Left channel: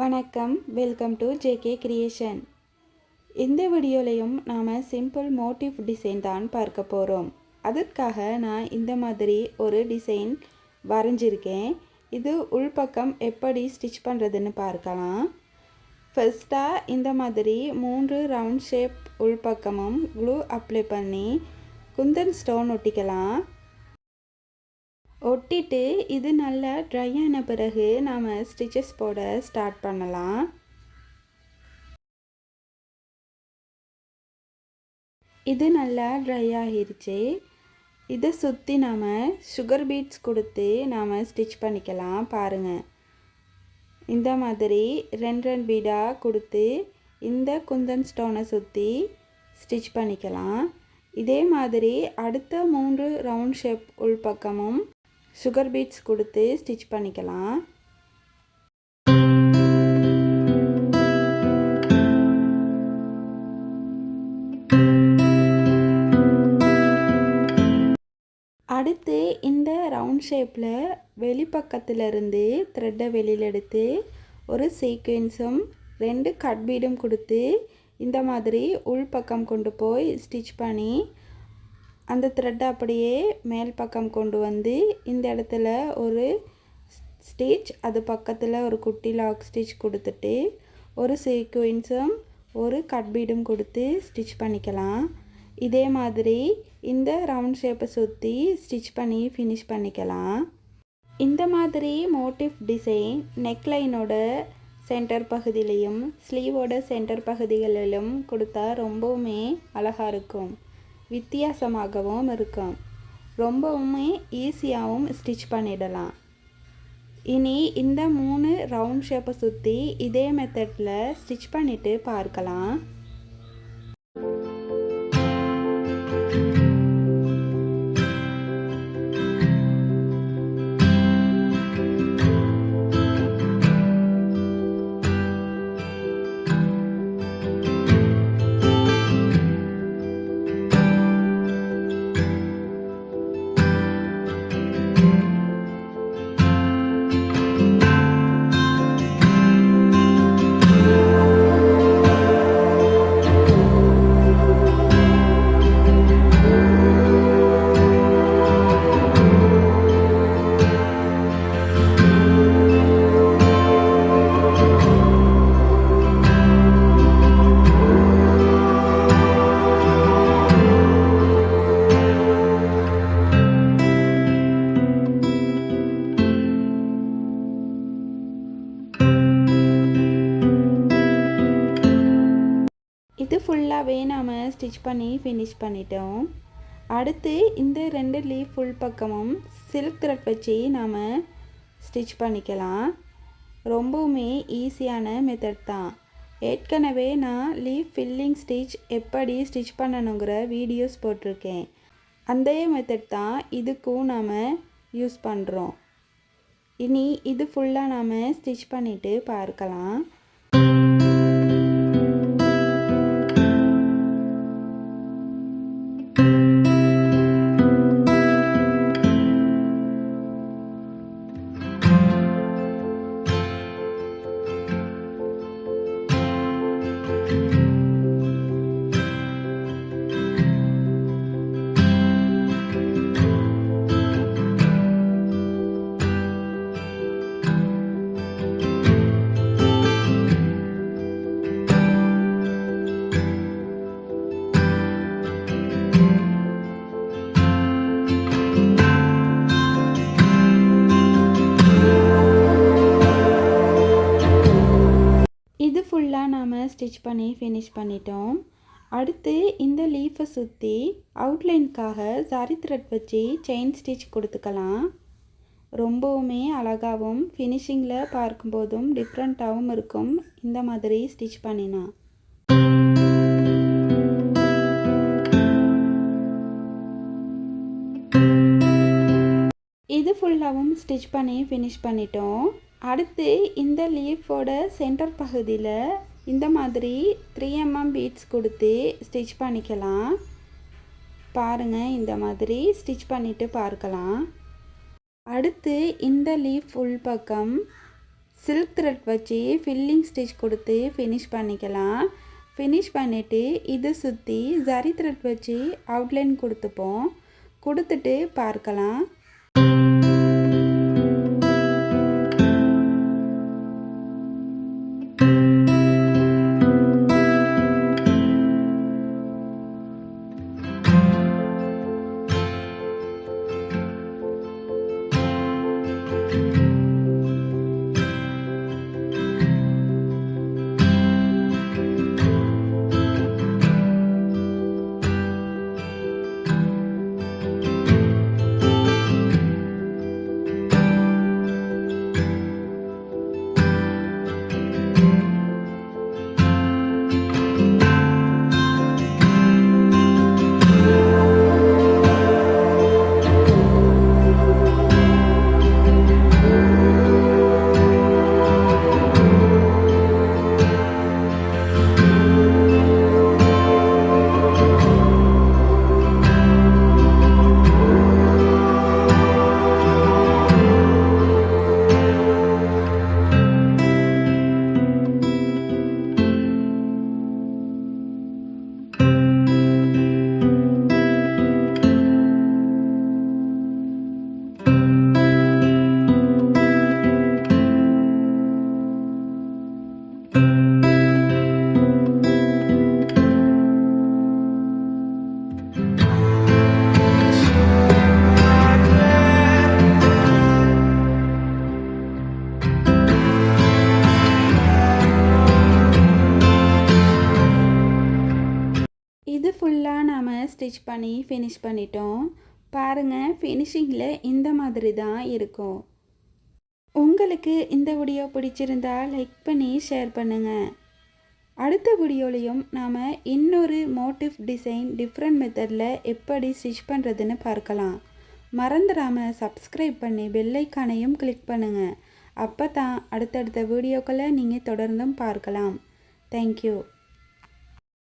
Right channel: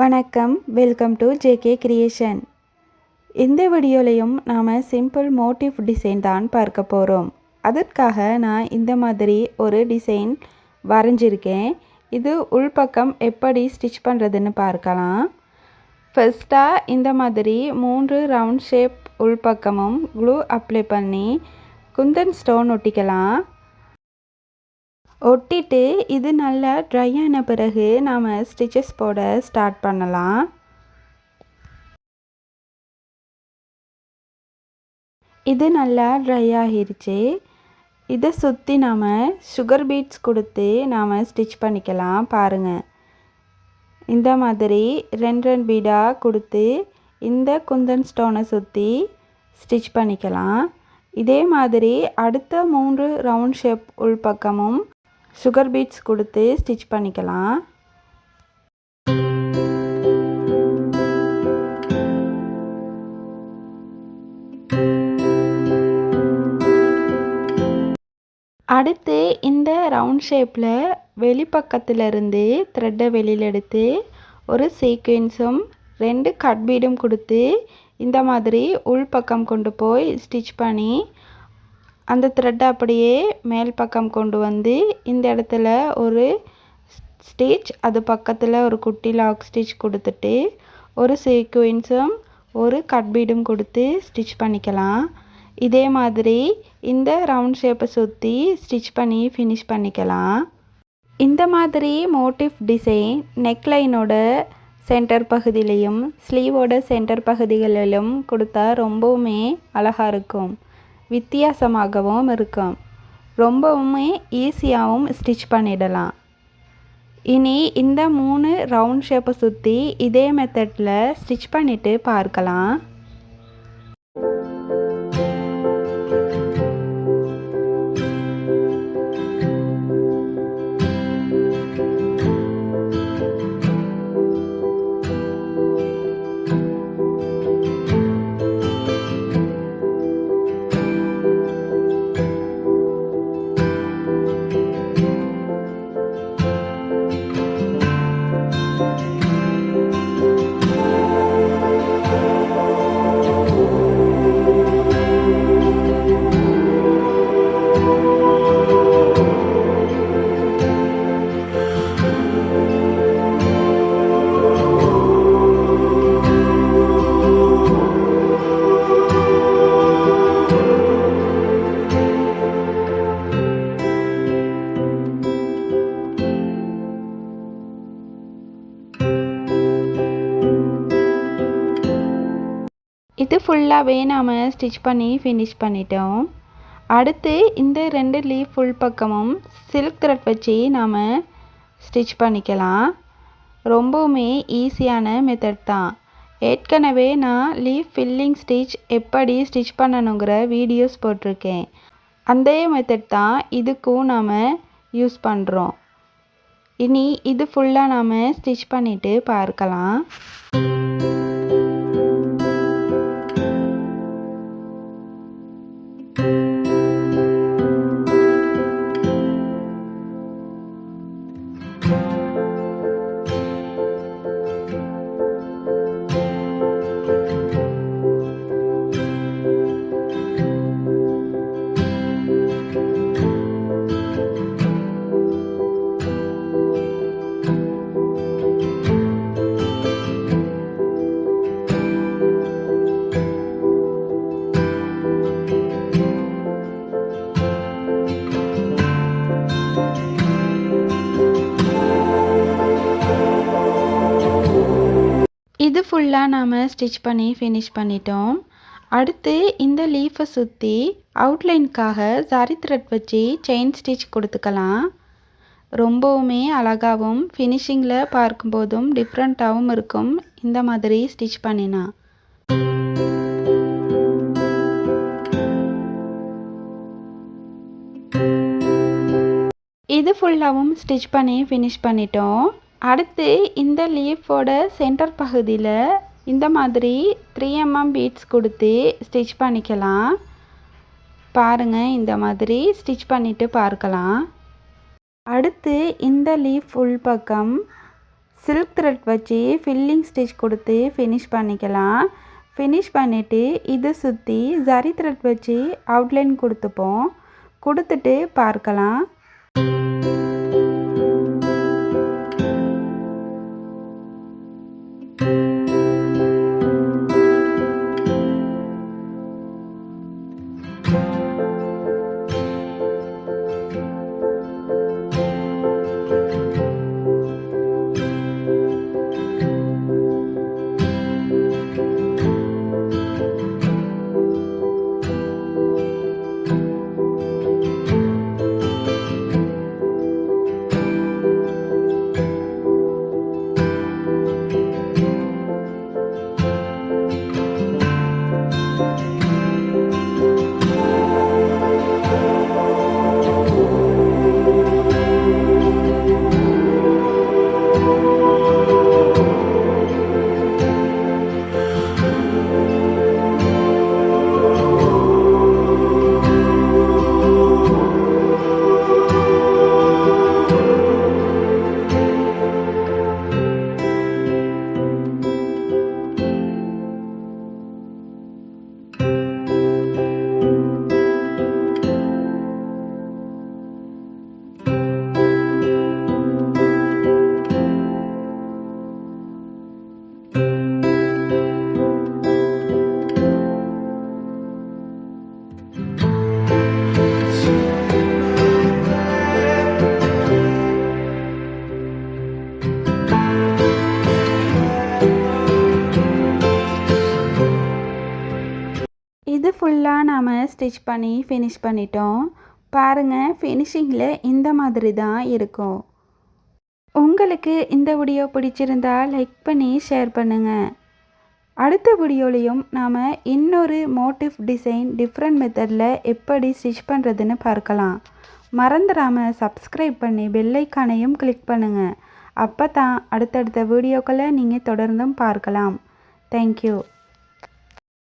வணக்கம். Welcome to JK creation இந்த வீடியோலையும் நாம் சிம்பிள் மோட்டிவ் டிசைன் தான் பார்க்க போகிறோம் அதற்காக நான் இந்த மாதிரி ஒரு டிசைன் வரைஞ்சிருக்கேன். இது உள்பக்கம் எப்படி ஸ்டிச் பண்ணுறதுன்னு பார்க்கலாம். ஃபஸ்ட்டாக இந்த மாதிரி மூன்று ரவுண்ட் ஷேப் உள்பக்கமும் க்ளூ அப்ளை பண்ணி குந்தன் ஸ்டோன் ஒட்டிக்கலாம். ஒட்டிட்டு இது நல்லா ட்ரை ஆன பிறகு நாம் ஸ்டிச்சஸ் போட ஸ்டார்ட் பண்ணலாம். இது நல்லா ட்ரை ஆகிருச்சு. இதை சுற்றி நாம் சுகர் பீட்ஸ் கொடுத்து நாம் ஸ்டிச் பண்ணிக்கலாம் பாருங்கள் இந்த மாதிரி ரெண்டு ரெண்டு பீடாக கொடுத்து இந்த குந்தன் ஸ்டோனை சுற்றி ஸ்டிச் பண்ணிக்கலாம். இதே மாதிரி அடுத்த மூன்று ரவுண்ட் ஷேப் உள்பக்கமும் சுகர் பீட்ஸ் கொடுத்து ஸ்டிச் பண்ணிக்கலாம். அடுத்து இந்த ரவுண்ட் ஷேப்பில் வெளிப்பக்கத்திலிருந்து த்ரெட்டை வெளியில் எடுத்து ஒரு சீக்வென்ஸும் ரெண்டு கட் பீடும் கொடுத்து இந்த மாதிரி உள்பக்கம் கொண்டு போய் ஸ்டிச் பண்ணி அந்த த்ரெட்டை அப்படியே மேல் பக்கம் கொண்டு வந்து இந்த இடத்துல ஒரு ஸ்டிச் அது பக்கத்தில் ஒரு குட்டி லாக் ஸ்டிச் கொடுத்துட்டு ஒரு சீக்வென்ஸும் ஒரு கட் பீடும் கொடுத்து ஸ்டிச் பண்ணிக்கலாம். இதே மாதிரி இந்த ரவுண்ட் ஷேப்பை சுற்றி ஸ்டிச் பண்ணி ஃபினிஷ் பண்ணிக்கலாம். இந்த மாதிரி மோட்டிவ் டிசைன் நெக்லைனோட சென்டர் பகுதியிலையும் ஸ்லீவோட சென்டர் பகுதிகளிலும் கொடுத்தா ரொம்பவுமே அழகாக இருக்கும். வித்தியாசமாகவும் இருக்கும். ரொம்பவுமே ஈஸியாகவும் ஸ்டிச் பண்ணிடலாம். இனி இந்த மூணு ரவுண்ட் ஷேப்பை சுற்றி இதே மெத்தடில் ஸ்டிச் பண்ணிவிட்டு பார்க்கலாம். இது ஃபுல்லாகவே நாம் ஸ்டிச் பண்ணி ஃபினிஷ் பண்ணிட்டோம். அடுத்து இந்த ரெண்டு லீஃப் ஃபுல் பக்கமும் சில்க் த்ரெட் வச்சு நாம் ஸ்டிச் பண்ணிக்கலாம். ரொம்பவுமே ஈஸியான மெத்தட் தான். ஏற்கனவே நான் லீஃப் ஃபில்லிங் ஸ்டிச் எப்படி ஸ்டிச் பண்ணணுங்கிற வீடியோஸ் போட்டிருக்கேன். அந்த மெத்தட் தான் இதுக்கும் நாம் யூஸ் பண்ணுறோம் இனி இது ஃபுல்லாக நாம் ஸ்டிச் பண்ணிவிட்டு பார்க்கலாம். ஃபுல்லாக நாம் ஸ்டிச் பண்ணி ஃபினிஷ் பண்ணிட்டோம். அடுத்து இந்த லீஃபை சுற்றி அவுட்லைனுக்காக சாரி த்ரெட் வச்சு செயின் ஸ்டிச் கொடுத்துக்கலாம். ரொம்பவுமே அழகாகவும் ஃபினிஷிங்கில் பார்க்கும்போதும் டிஃப்ரெண்ட்டாகவும் இருக்கும். இந்த மாதிரி ஸ்டிச் பண்ணினா. இது ஃபுல்லாகவும் ஸ்டிச் பண்ணி ஃபினிஷ் பண்ணிட்டோம். அடுத்து இந்த லீஃபோட சென்டர் பகுதியில் இந்த மாதிரி த்ரீ எம்எம் பீட்ஸ் கொடுத்து ஸ்டிச் பண்ணிக்கலாம். பாருங்கள் இந்த மாதிரி ஸ்டிச் பண்ணிவிட்டு பார்க்கலாம். அடுத்து இந்த லீஃப் உள் பக்கம் சில்க் த்ரெட் வச்சு ஃபில்லிங் ஸ்டிச் கொடுத்து ஃபினிஷ் பண்ணிக்கலாம். ஃபினிஷ் பண்ணிவிட்டு இதை சுற்றி ஜரி த்ரெட் வச்சு அவுட்லைன் கொடுத்துப்போம். கொடுத்துட்டு பார்க்கலாம். இது நாம் ஸ்டிச் பண்ணி ஃபினிஷ் பண்ணிட்டோம். பாருங்கள் ஃபினிஷிங்கில் இந்த மாதிரி தான் இருக்கும். உங்களுக்கு இந்த வீடியோ பிடிச்சிருந்தா லைக் பண்ணி ஷேர் பண்ணுங்கள் அடுத்த வீடியோலையும் நாம் இன்னொரு மோட்டிவ் டிசைன் டிஃப்ரெண்ட் மெத்தடில் எப்படி ஸ்டிச் பண்ணுறதுன்னு பார்க்கலாம். மறந்துடாமல் சப்ஸ்கிரைப் பண்ணி பெல்லைக்கானையும் கிளிக் பண்ணுங்கள் அப்போ தான் அடுத்தடுத்த வீடியோக்களை நீங்கள் தொடர்ந்தும் பார்க்கலாம். தேங்க்யூ